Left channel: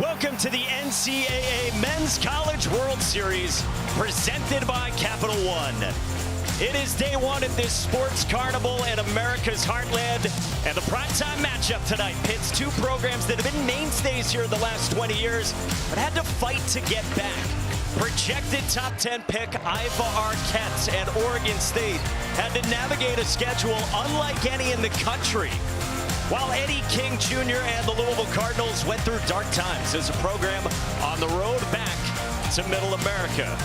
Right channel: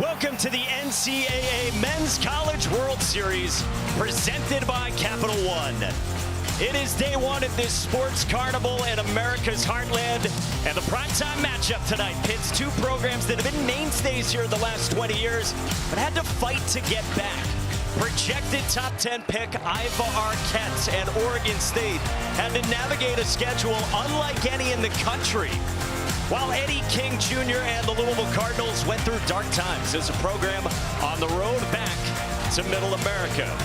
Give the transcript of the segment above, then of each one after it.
Welcome to the NCAA Men's College World Series, presented by Capital One. It is day one of this sports carnival in America's heartland, and the primetime matchup tonight pits two programs that have been mainstays here the last 20 years, but had to fight to get back. Projected top 10 pick Iowa Arquette and Oregon State had to navigate a schedule unlike any in the country, while Eddie King Jr. and the Louisville Cardinals went through dark times as a program on the road back to Middle America.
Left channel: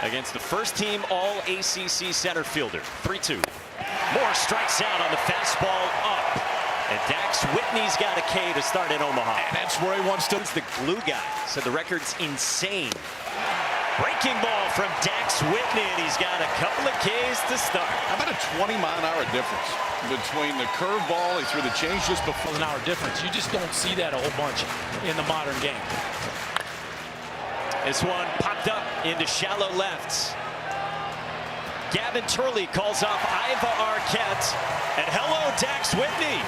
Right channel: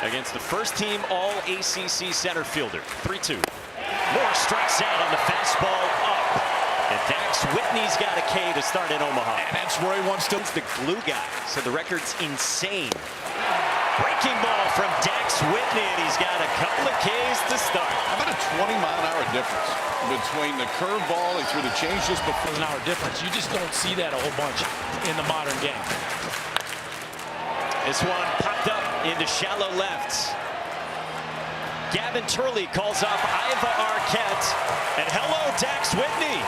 Against the first team All-ACC center fielder, 3-2. Moore strikes out on the fastball up. And Dax Whitney's got a K to start in Omaha. And that's where he wants to. The glue guy, so the record's insane. Breaking ball from Dax Whitney, and he's got a couple of Ks to start. How about a 20-mile-an-hour difference between the curveball, he threw the change just before. An hour difference. You just don't see that a whole bunch in the modern game. This one popped up into shallow left. Gavin Turley calls off Iowa Arquette, and hello, Dax Whitney.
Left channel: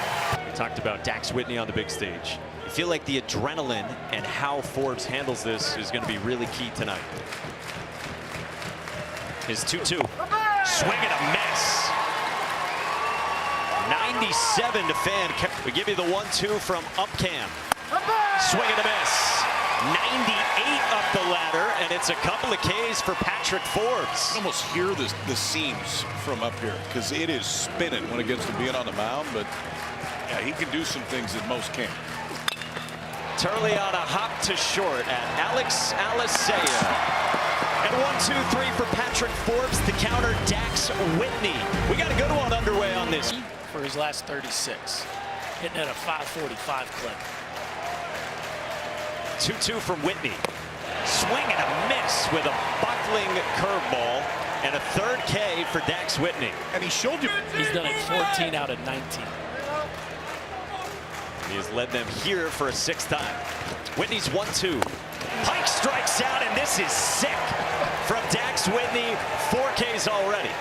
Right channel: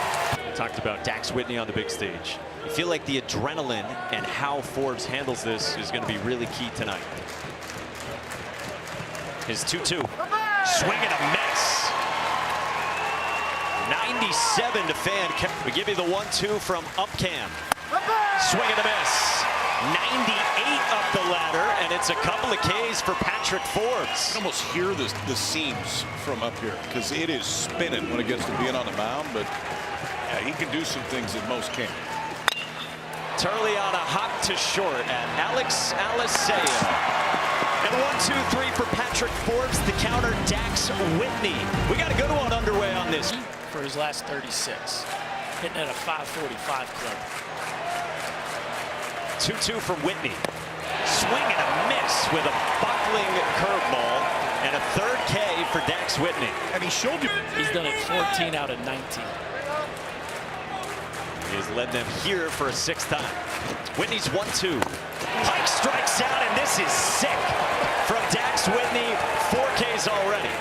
We talked about Dax Whitney on the big stage. You feel like the adrenaline and how Forbes handles this is going to be really key tonight. His 2-2. Swing and a miss. 97 to fan. We give you the 1-2 from Upcam. Swing and a miss. 98 up the ladder, and it's a couple of Ks for Patrick Forbes. You can almost hear the seams from up here because it is spinning when it gets to being on the mound, but yeah, he can do some things that most can't. Turley on a hop to short at Alex Alisea. And 1-2-3 for Patrick Forbes to counter Dax Whitney. We got a good one underway on this. For his last 36, hitting at a 545 clip. 2-2 from Whitney. Swing and a miss with a buckling curveball, and a third K for Dax Whitney. And he showed you. He's done it 14 out of 19. He has led them here for a sixth time. Whitney's 1-2. Pike strikes out, and this is sick from Dax Whitney. 4 Ks already.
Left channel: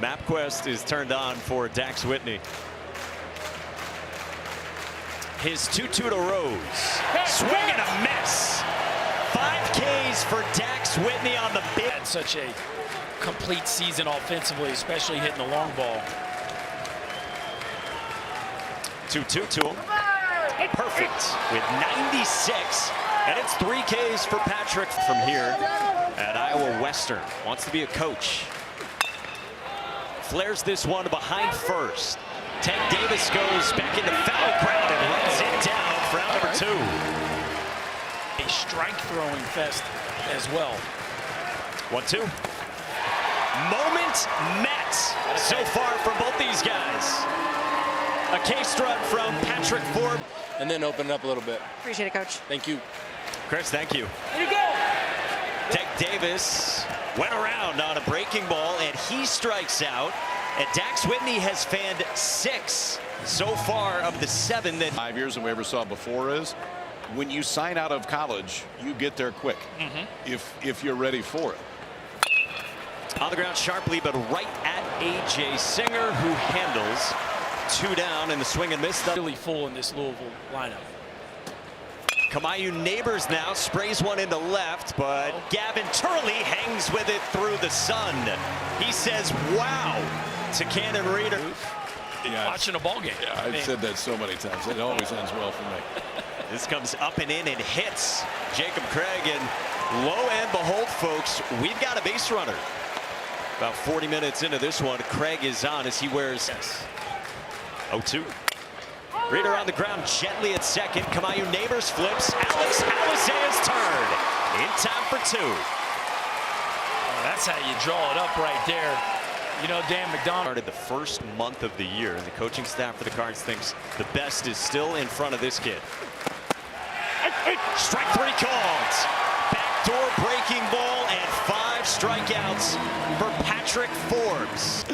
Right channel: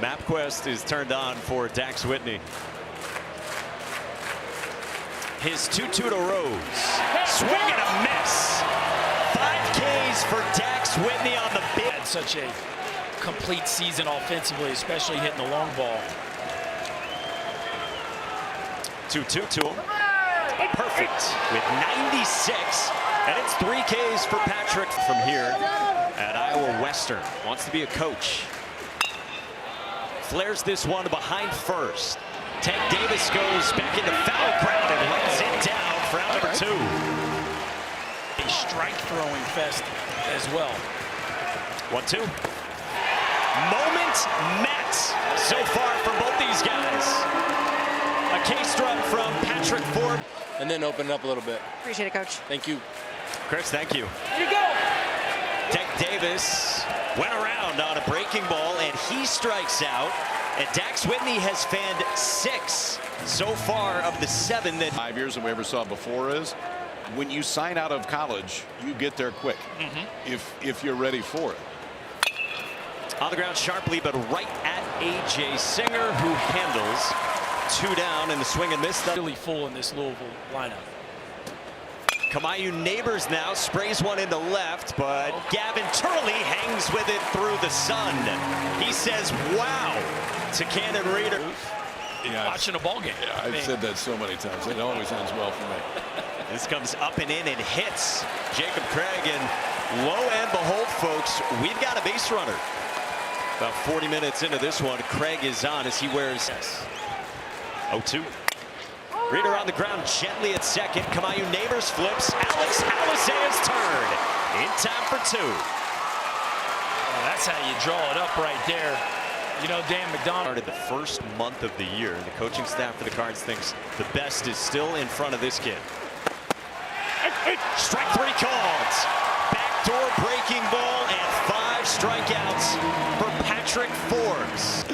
MapQuest is turned on for Dax Whitney. His 2-2 to Rose. Swing and a miss. 5 Ks for Dax Whitney on the big. Had such a complete season offensively, especially hitting the long ball. 2-2 to him. Perfect with 96. And it's 3 Ks for Patrick from here at Iowa Western. Wants to be a coach. Flares this one behind first. Tank Davis goes back into foul ground and runs it down for out number 2. A strike throwing fest as well. 1-2. Moment met so far from both these guys. A K-strut from Patrick Forbes. And then open it up a little bit. Appreciate it, Coach. Thank you. Chris, thank you. Here you go. Tank Davis went around on a breaking ball, and he strikes out. And Dax Whitney has fanned 6 so far of the 7 that 5 years than we ever saw before is when you sign out of college, you get there quick if you're ready for it. On the ground sharply, but right at A.J. Singer, who handles 2 down in the swing and miss. Really full in this Louisville lineup. Kamayu Neighbors now sprays one into left, but Gavin Turley hangs with it through the sun. He says, wow, to Cannon Reader. Yeah, Watching a ball game. Yeah, I've said that so many times. It always ends well for me. This comes up and in and hits Jacob Craig, and lo and behold, folks, we've got a base runner. About 40 minutes into this one, Craig is on as he wears 0-2. Reader on the ground gently at second. Kamayu Neighbors flips. Alex Alisea's turn in time for 2. Oh, that's how you draw it up right there. You know, Dan McDonald Started the first month of the year, and the coaching staff for the Cards thinks the best is still in front of this kid. Strike 3 called. Backdoor breaking ball and 5 strikeouts for Patrick Forbes.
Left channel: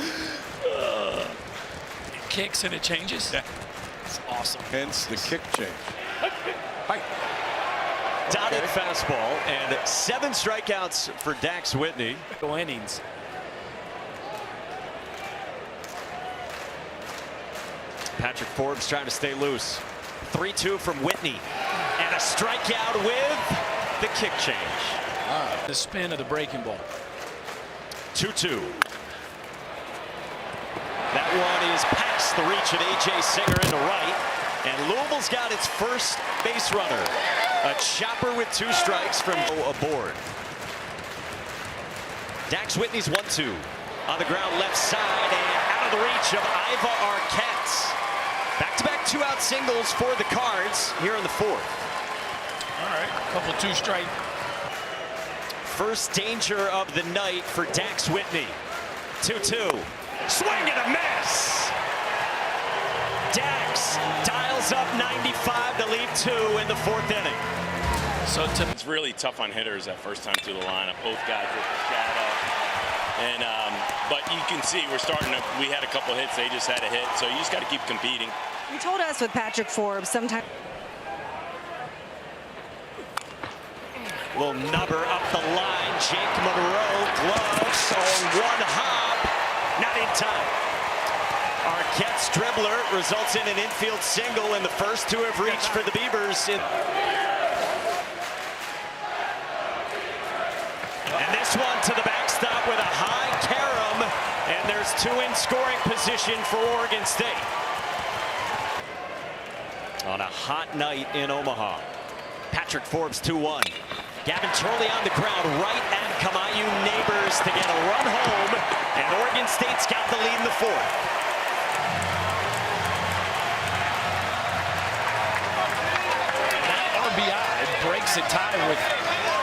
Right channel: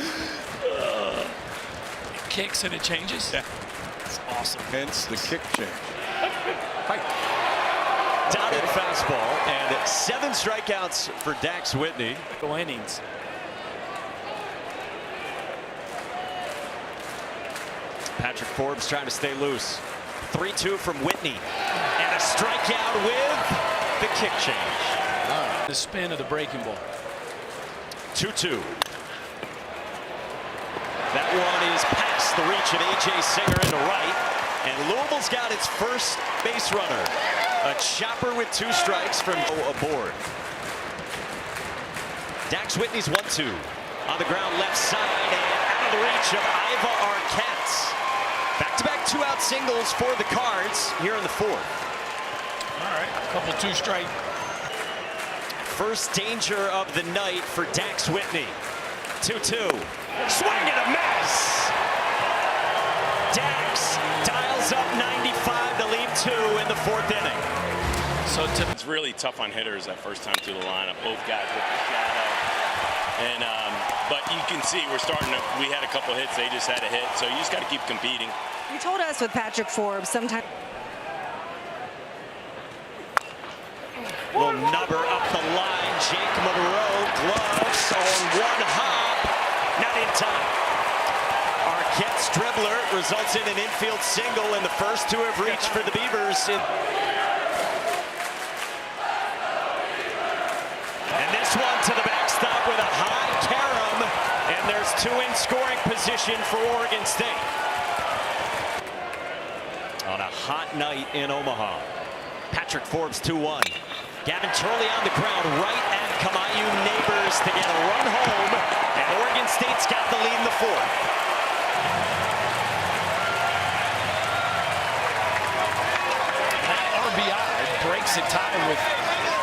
it kicks and it changes. Yeah. It's awesome. Hence the kick change. Hi. Dotted fastball and 7 strikeouts for Dax Whitney. Go innings. Patrick Forbes trying to stay loose. 3-2 from Whitney. And a strikeout with the kick change. The spin of the breaking ball. 2-2. That one is past the reach of A.J. Singer into right. And Louisville's got its first base runner. A chopper with 2 strikes from aboard. Dax Whitney's 1-2. On the ground left side and out of the reach of Iva Arquette. Back-to-back 2-out singles for the Cards here in the 4th. All right, a couple 2-strike. First danger of the night for Dax Whitney. 2-2. Swing and a miss. Dax dials up 95 to leave 2 in the 4th inning. So it's really tough on hitters that first time through the lineup. Both guys with the shadow. And but you can see we had a couple hits, they just had a hit, so you just got to keep competing. You told us with Patrick Forbes sometimes. Little nubber up the line. Jake Monroe, gloves on one hop. Not in time. Arquette's dribbler results in an infield single, and the first 2 have reached for the Beavers. And this one to the backstop with a high carom, and there's 2 in scoring position for Oregon State. On a hot night in Omaha. Patrick Forbes 2-1. Gavin Turley on the ground right at Kamayu Neighbors to get a run home, and Oregon State's got the lead in the 4th. that RBI breaks a tie with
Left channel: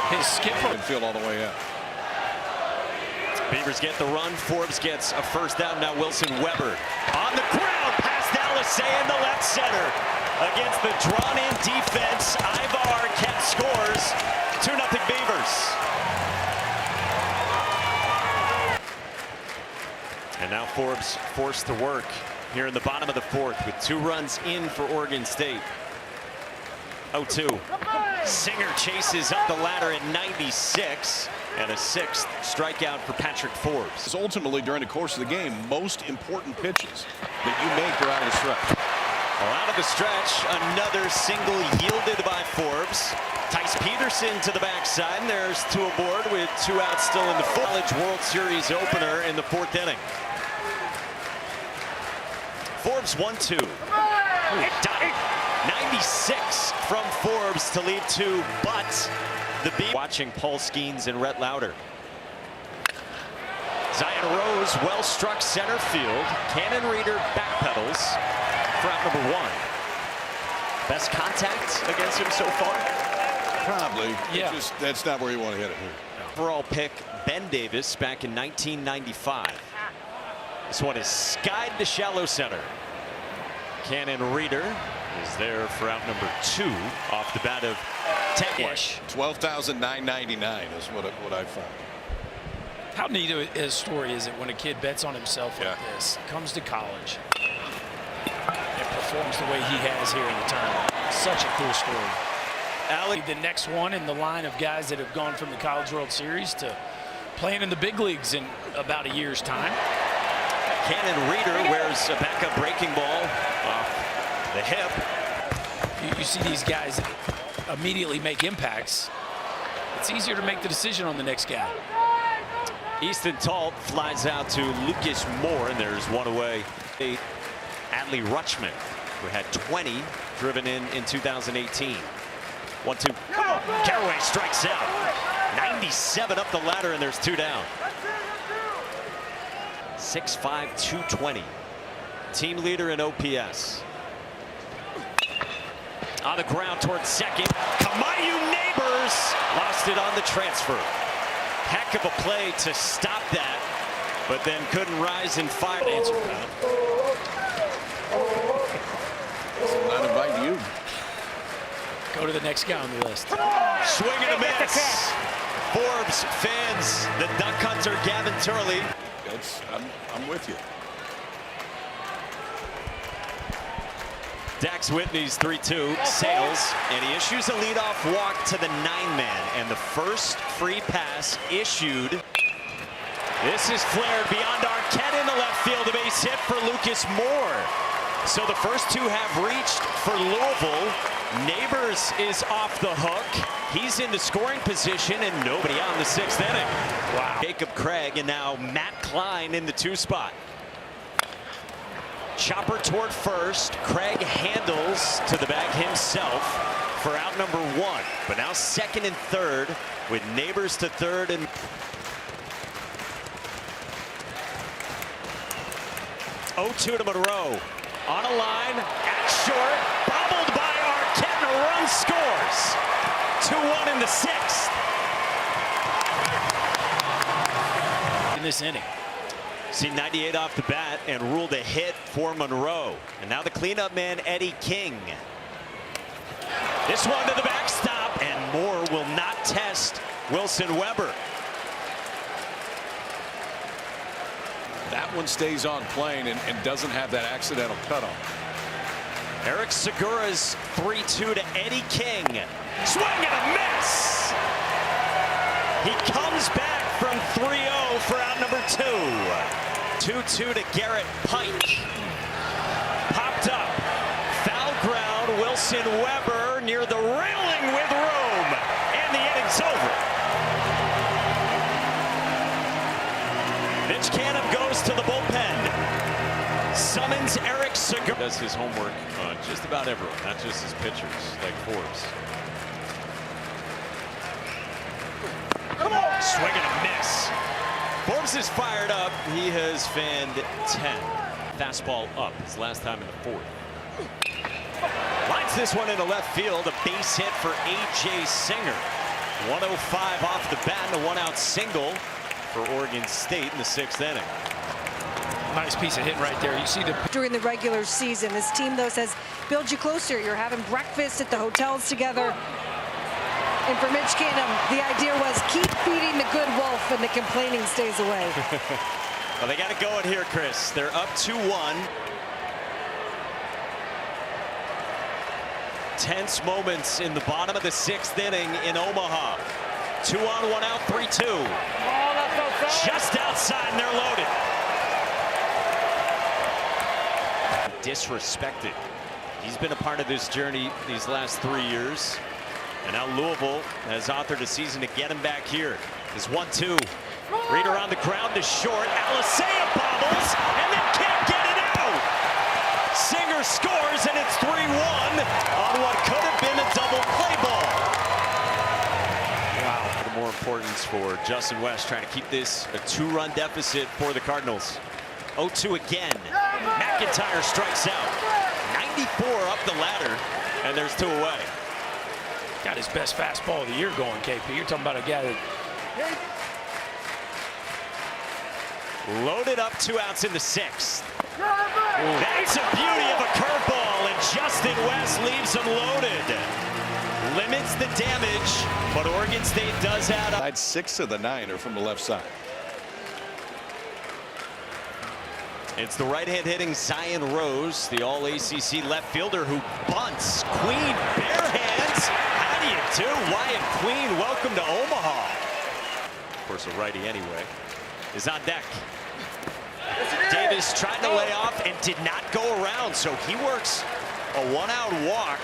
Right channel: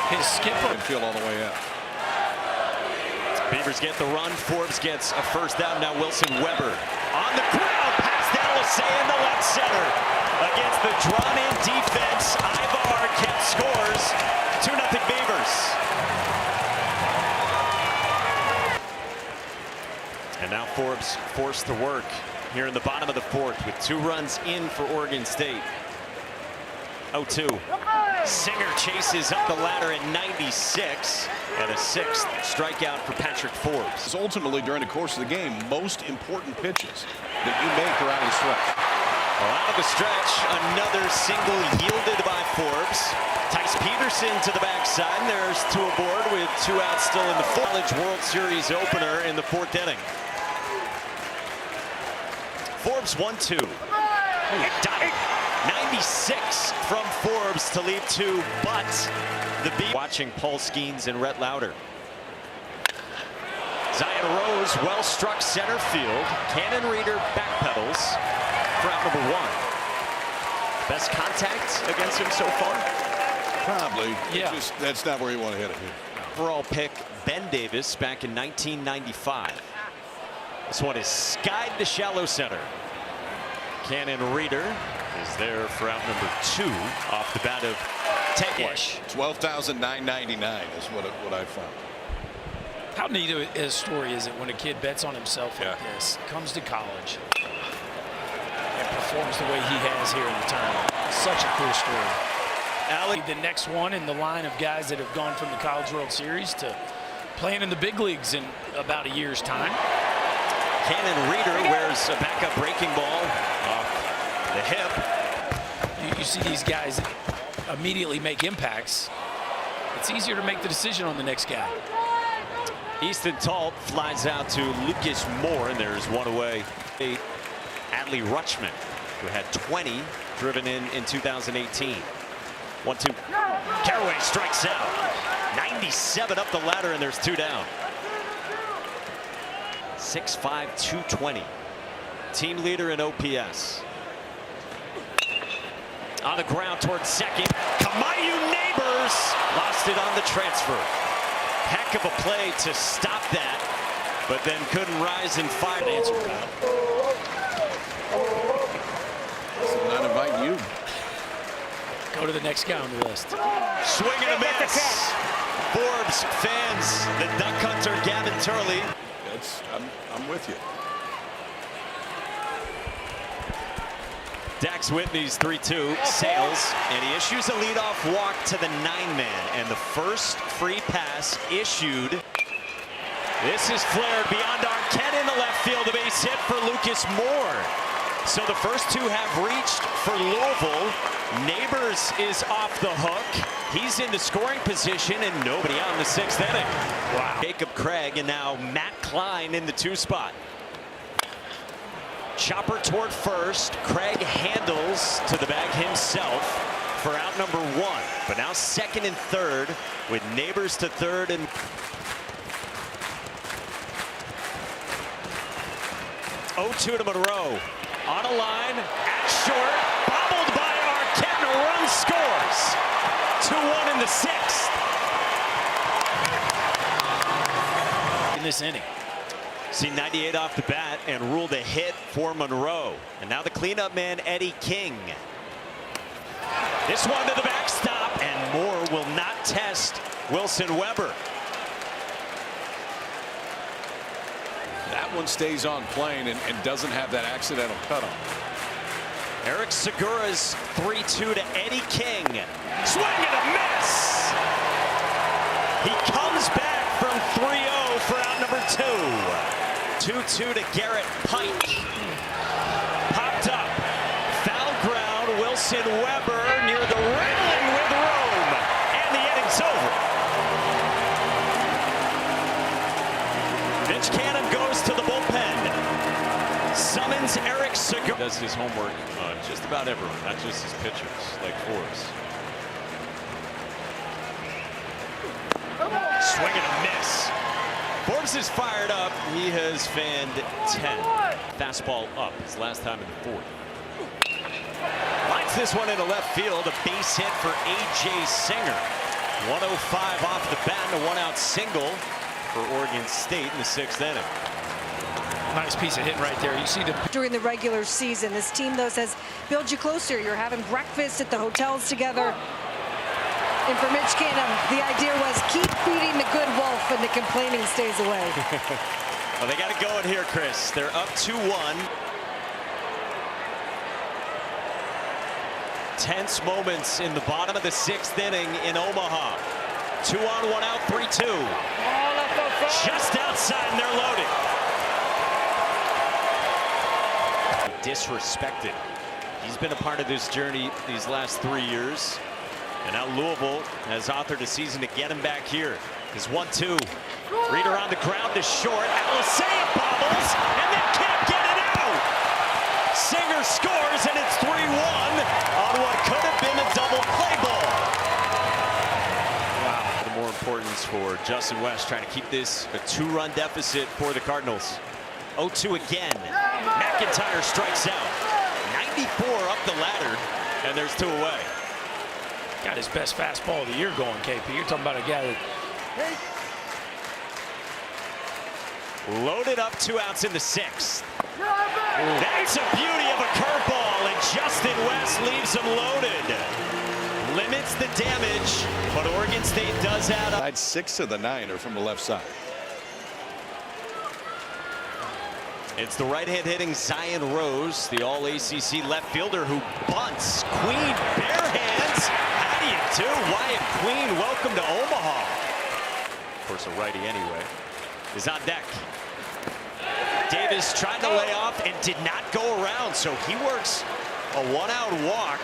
his skipper. Feel all the way out. Beavers get the run. Forbes gets a first down. Now Wilson Weber on the ground past Alisei in the left center. Against the drawn-in defense, Iva Arquette scores. 2-0 Beavers. And now Forbes forced to work here in the bottom of the 4th with 2 runs in for Oregon State. 0-2. Singer chases up the ladder at 96, and a 6th strikeout for Patrick Forbes. It's ultimately, during the course of the game, most important pitches that you make are out of the stretch. Well, out of the stretch, another single yielded by Forbes. Tice Peterson to the backside, and there's 2 aboard with 2 outs still in the College World Series opener in the 4th inning. Forbes 1-2. Got it. 96 from Forbes to leave 2, but the beat. Watching Paul Skeens and Rhett Lauder. Zion Rose well struck center field. Cannon Reader backpedals for out number 1. Best contact against him so far? Probably. Yeah. That's not where you want to hit it here. Overall pick Ben Davis back in 1995. This one is skied to shallow center. Cannon Reader is there for out number 2 off the bat of Tegwish. 12,999 is what I found. How neat a story is it when a kid bets on himself like Yeah. this, comes to college, and performs the way he has here in the tournament? Such a cool story. Alec, The next one in the line of guys that have gone from the College World Series to playing in the big leagues in about a year's time. Cannon Reader wears a backup breaking ball off the hip. You see these guys immediately make impacts. It's easier to make the decision on the next guy. Easton Talt flies out to Lucas Moore, and there's 1 away. Adley Rutschman, who had 20 driven in 2018. 1-2. Caraway strikes out. 97 up the ladder, and there's 2 down. 6'5", 220. Team leader in OPS. On the ground towards second. Kamayu Neighbors lost it on the transfer. Heck of a play to stop that, but then couldn't rise and fire. Answer, Kyle. I'm not inviting you. Go to the next guy on the list. Swing and a miss. Forbes fans the duck hunter Gavin Turley. I'm with you. Dax Whitney's 3-2 sails, and he issues a leadoff walk to the 9-man, and the first free pass issued. This is flared beyond Arquette in the left field, a base hit for Lucas Moore. So the first 2 have reached for for Louisville. Neighbors is off the hook. He's into scoring position and nobody out in the 6th inning. Wow. Jacob Craig and now Matt Klein in the 2 spot. Chopper toward first. Craig handles to the bag himself for out number 1. But now 2nd and 3rd with Neighbors to 3rd and 0-2 to Monroe. On a line at short. Bobbled by Arquette and a run scores. 2-1 in the 6th. In this inning. See 98 off the bat and ruled a hit for Monroe. And now the cleanup man, Eddie King. This one to the backstop, and Moore will not test Wilson Weber. That one stays on plane and doesn't have that accidental cutoff. Eric Segura's 3-2 to Eddie King. Swing and a miss. He comes back from 3-0 for out number 2. 2-2 to Garrett Pike. Popped up. Foul ground. Wilson Weber near the railing with room. And the inning's over. Mitch Canham goes to the bullpen. Summons Eric Segura. Does his homework on just about everyone, not just his pitchers, like Forbes. Swing and a miss. Forbes is fired up. He has fanned 10. Fastball up. His last time in the 4th. Lines this one into left field. A base hit for A.J. Singer. 105 off the bat and a 1-out single for Oregon State in the 6th inning. Nice piece of hitting right there. You see the During the regular season, this team, though, says build you closer. You're having breakfast at the hotels together. And for Mitch Canham, the idea was keep feeding the good wolf and the complaining stays away. Well, they got it going here, Chris. They're up 2-1. Tense moments in the bottom of the 6th inning in Omaha. 2 on, 1 out, 3-2. Just outside, and they're loaded. Disrespected. He's been a part of this journey these last 3 years. And now Louisville has authored a season to get him back here. His 1-2. Reader on the ground to short. Alisea bobbles and then can't get it out. Singer scores and it's 3-1 on what could have been a double play ball. Wow. The more importance for Justin West trying to keep this a 2-run deficit for the Cardinals. 0-2 again. McIntyre strikes out. 94 up the ladder, and there's 2 away. got his best fastball of the year going, KP. You're talking about a guy that loaded up, 2 outs in the 6th. That's a beauty of a curveball, and Justin West leaves him loaded. Limits the damage, but Oregon State does add 6 of the 9 are from the left side. It's the right-hand hitting Zion Rose, the all-ACC left fielder who bunts. Queen bare hands. How do you do? Wyatt Queen, welcome to Omaha. Of course, a righty anyway, is on deck. Davis tried to lay off and did not go around, so he works a 1-out walk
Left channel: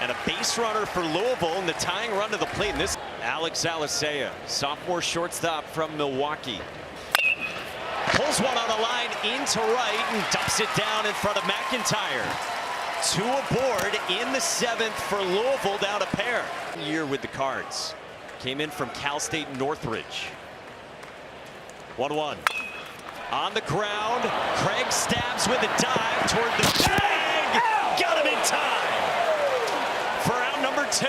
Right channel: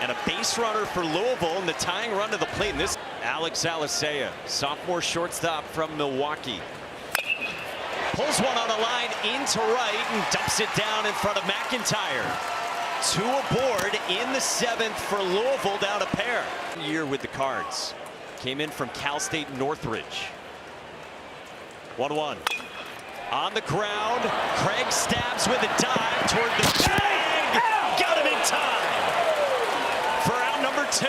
and a base runner for Louisville and the tying run to the plate. And this Alex Alisea, sophomore shortstop from Milwaukee. Pulls one on a line into right and dumps it down in front of McIntyre. 2 aboard in the 7th for Louisville, down a pair. Year with the Cards. Came in from Cal State Northridge. 1-1. On the ground, Craig stabs with a dive toward the bag. Got him in time for out number 2.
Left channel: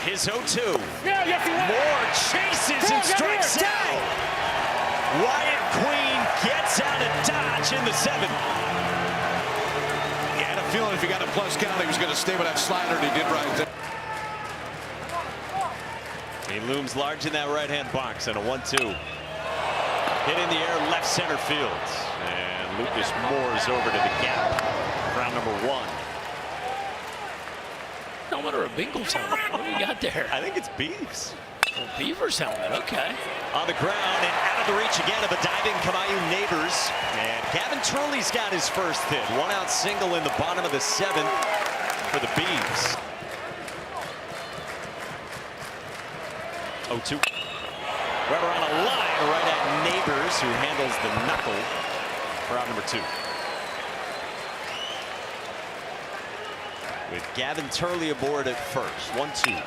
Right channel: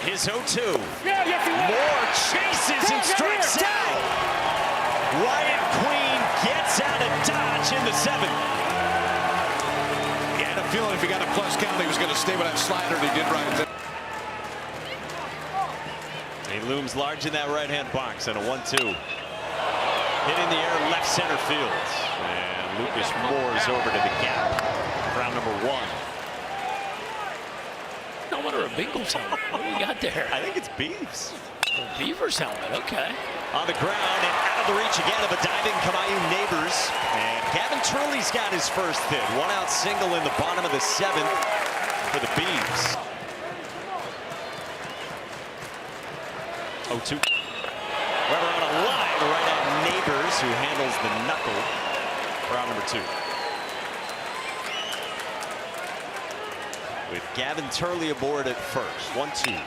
His 0-2. Moore chases and strikes out. Wyatt Queen gets out of Dodge in the 7th. He had a feeling if he got a plus count, he was going to stay with that slider, and he did right there. He looms large in that right-hand box and a 1-2. Hit in the air, left center field. And Lucas Moore's over to the gap. Round number 1. helmet or a Bengals helmet? What do we got there? I think it's Beavs. A Beavers helmet, okay. On the ground and out of the reach again of a diving Kamayu Neighbors. And Gavin Turley's got his first hit. One out single in the bottom of the 7th for the Beavs. 0-2. Weber on a line right at Neighbors, who handles the knuckle for out number 2. With Gavin Turley aboard at first. 1-2.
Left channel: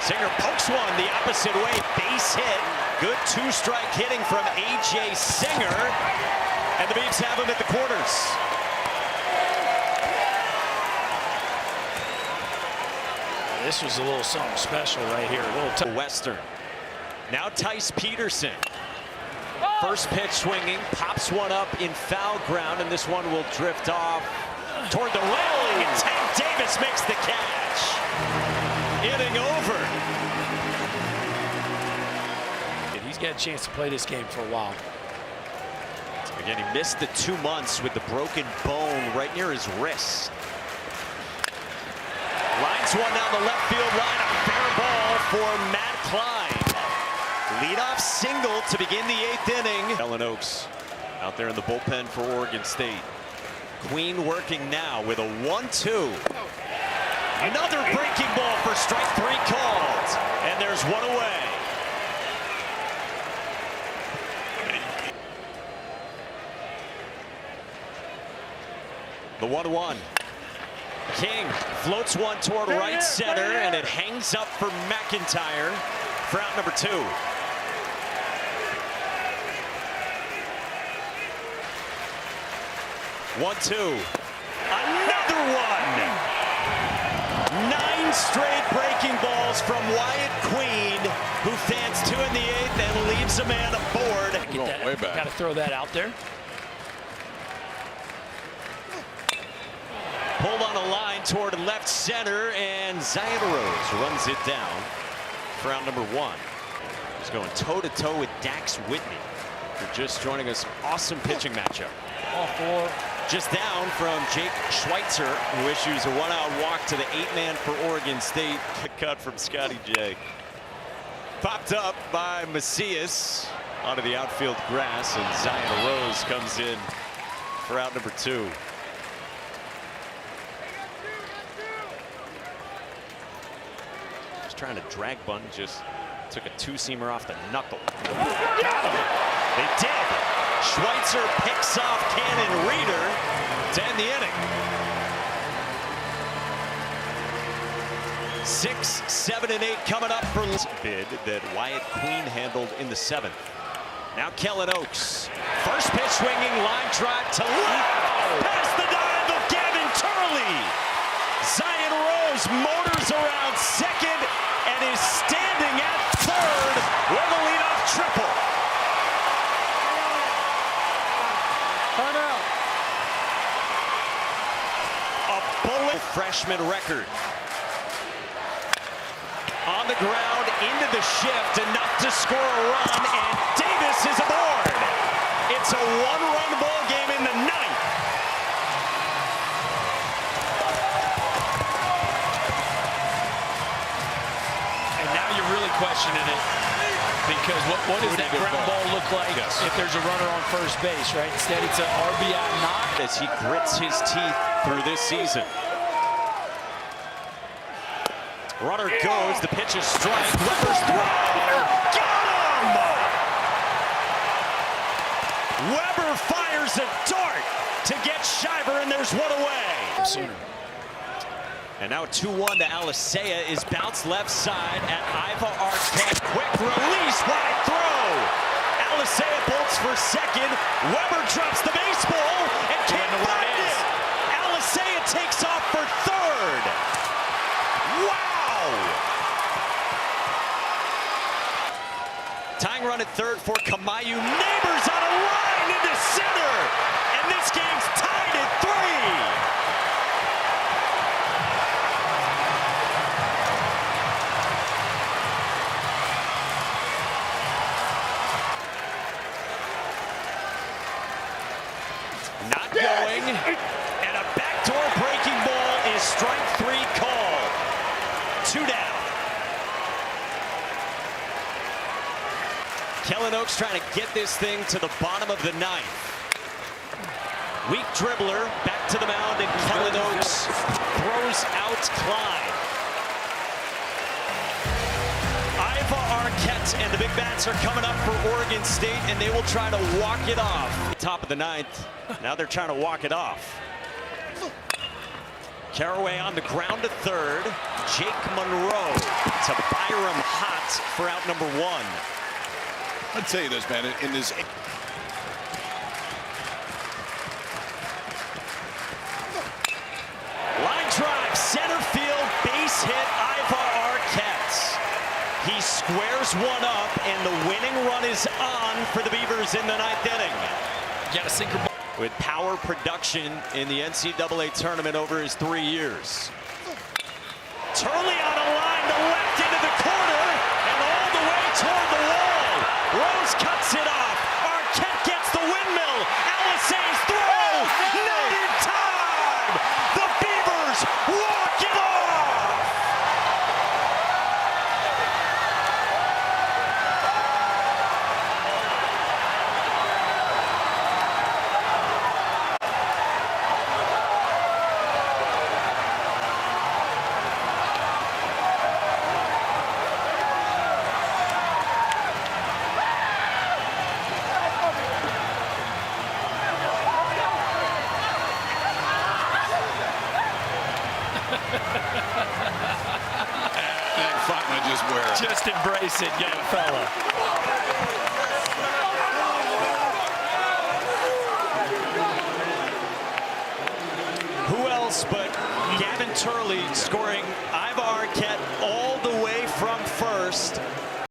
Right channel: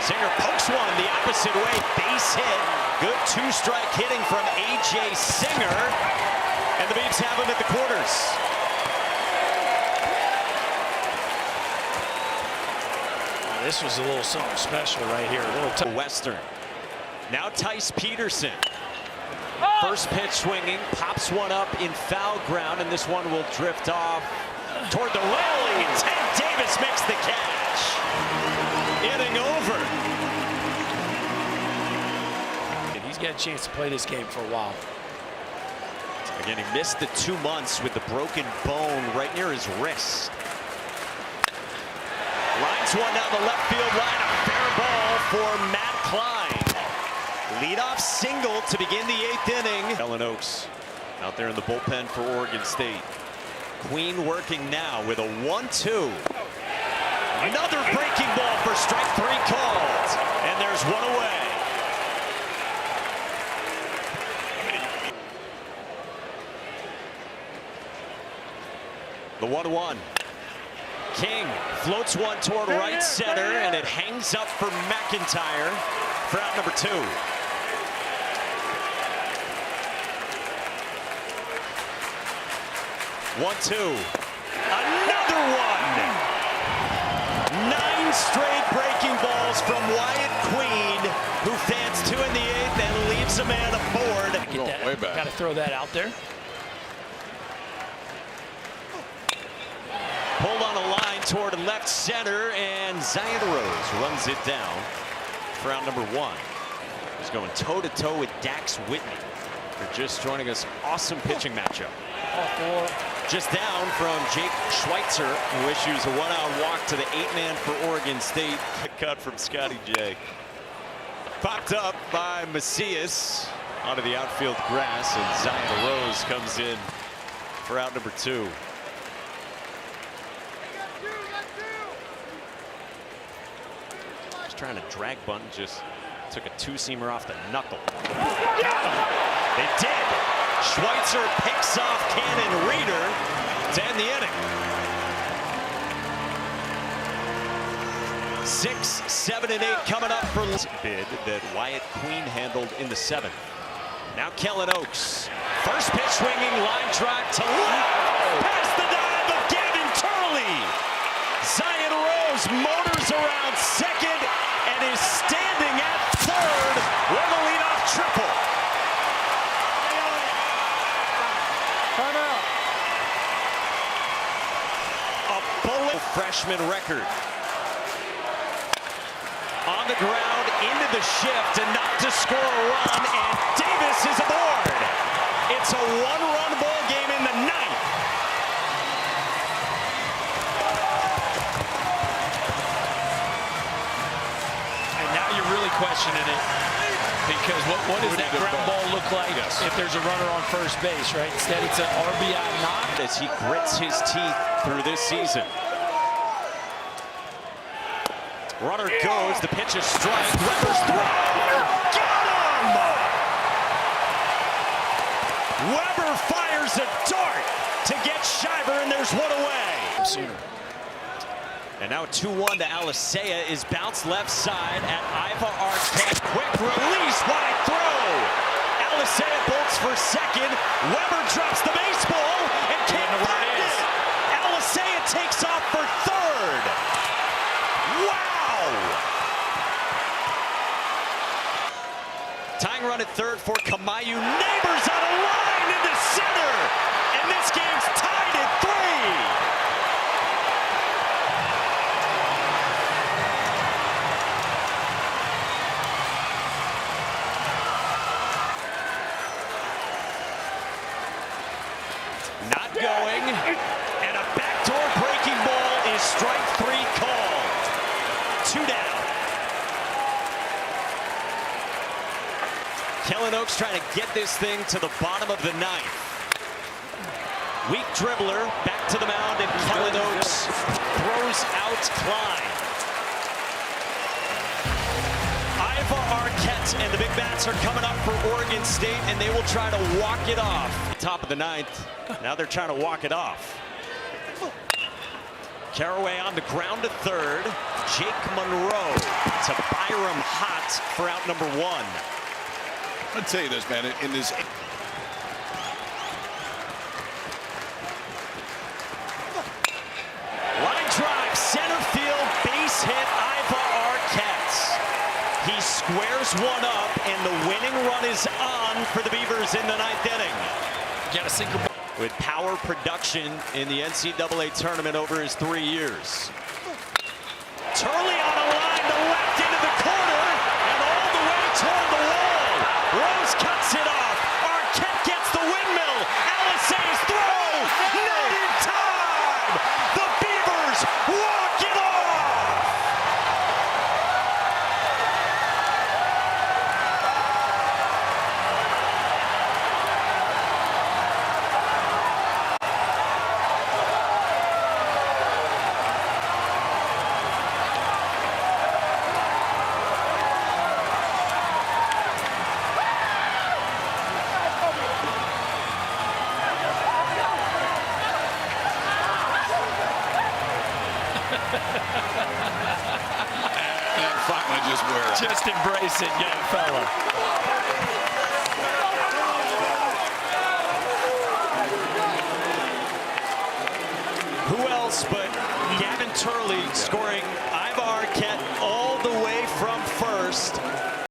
Singer pokes one the opposite way. Base hit. Good 2-strike hitting from A.J. Singer. And the Beavs have him at the quarters. Well, this was a little something special right here. A little Western. Now Tice Peterson. First pitch swinging. Pops one up in foul ground. And this one will drift off toward the railing. And Tank Davis makes the catch. Inning over. He's got a chance to play this game for a while. Again, he missed the 2 months with the broken bone right near his wrist. Lines one down the left field line. A fair ball for Matt Klein. Leadoff single to begin the 8th inning. Ellen Oaks out there in the bullpen for Oregon State. Queen working now with a 1-2. Another breaking ball for strike 3 called. And there's one away. The 1-1. King floats one toward right center, and it hangs up for McIntyre for out number 2. One-two. Another one. 9 straight breaking balls from Wyatt Queen, who fans 2 in the 8th and leaves a man aboard. Get that, way back. Got to throw that out there. Pulled on a line toward left center, and Zion Rose runs it down for out number 1. He's going toe-to-toe with Dax Whitney. For just joining us, awesome pitching matchup. All 4. Just down from Jake Schweitzer, who issues a 1-out walk to the 8-man for Oregon State. Cut from Scotty J. Popped up by Macias onto the outfield grass, and Zion Rose comes in for out number 2. Just trying to drag bunt, just took a 2-seamer off the knuckle. Got him. They did. Schweitzer picks off Cannon Reeder to end the inning. 6, 7, and 8 coming up for bid that Wyatt Queen handled in the 7th. Now Kellen Oaks. First pitch swinging, line drive to left. Past the dive of Gavin Turley. Zion Rose motors around second and is standing at third with a leadoff triple. A bullet freshman record. On the ground, into the shift, enough to score a run, and Davis is aboard. It's a 1-run ball game in the 9th. And now you're really questioning it, because what does that ground ball look like if there's a runner on first base, right? Instead, it's an RBI knock. As he grits his teeth through this season. Runner goes, the pitch is strike. Weber's throw. Got him! Weber fires a dart to get Shiver, and there's one away. Sooner. And now 2-1 to Alisea is bounced left side at Iva Arquette. Quick release, wide throw. Alisea bolts for second. Weber drops the baseball and can't find it. Alisea takes off for third. Wow! Tying run at third for Kamayu. Neighbors on a line into center. And this game's tied at 3. Not going, and a backdoor breaking ball is strike 3 called. 2 down. Kellen Oaks trying to get this thing to the bottom of the ninth. Weak dribbler back to the mound, and Kellen Oaks throws out Klein. Iva Arquette and the Big Bats are coming up for Oregon State, and they will try to walk it off. Top of the ninth. Now they're trying to walk it off. Caraway on the ground to third. Jake Monroe to Byram Hott for out number 1. I'll tell you this, man. In this. Line drive, center field, base hit, Iva Arquette. He squares one up, and the winning run is on for the Beavers in the 9th inning. Got a sinker ball. With power production in the NCAA tournament over his 3 years. Turley on a line to left into the corner, and all the way toward the wall. Rose cuts it off. Arquette gets the windmill. Alisay's throw. Not in time. The Beavers walk it off. And finally just wear it. Just embrace it, young fella. Who else but Gavin Turley scoring Iva Arquette all the way from first.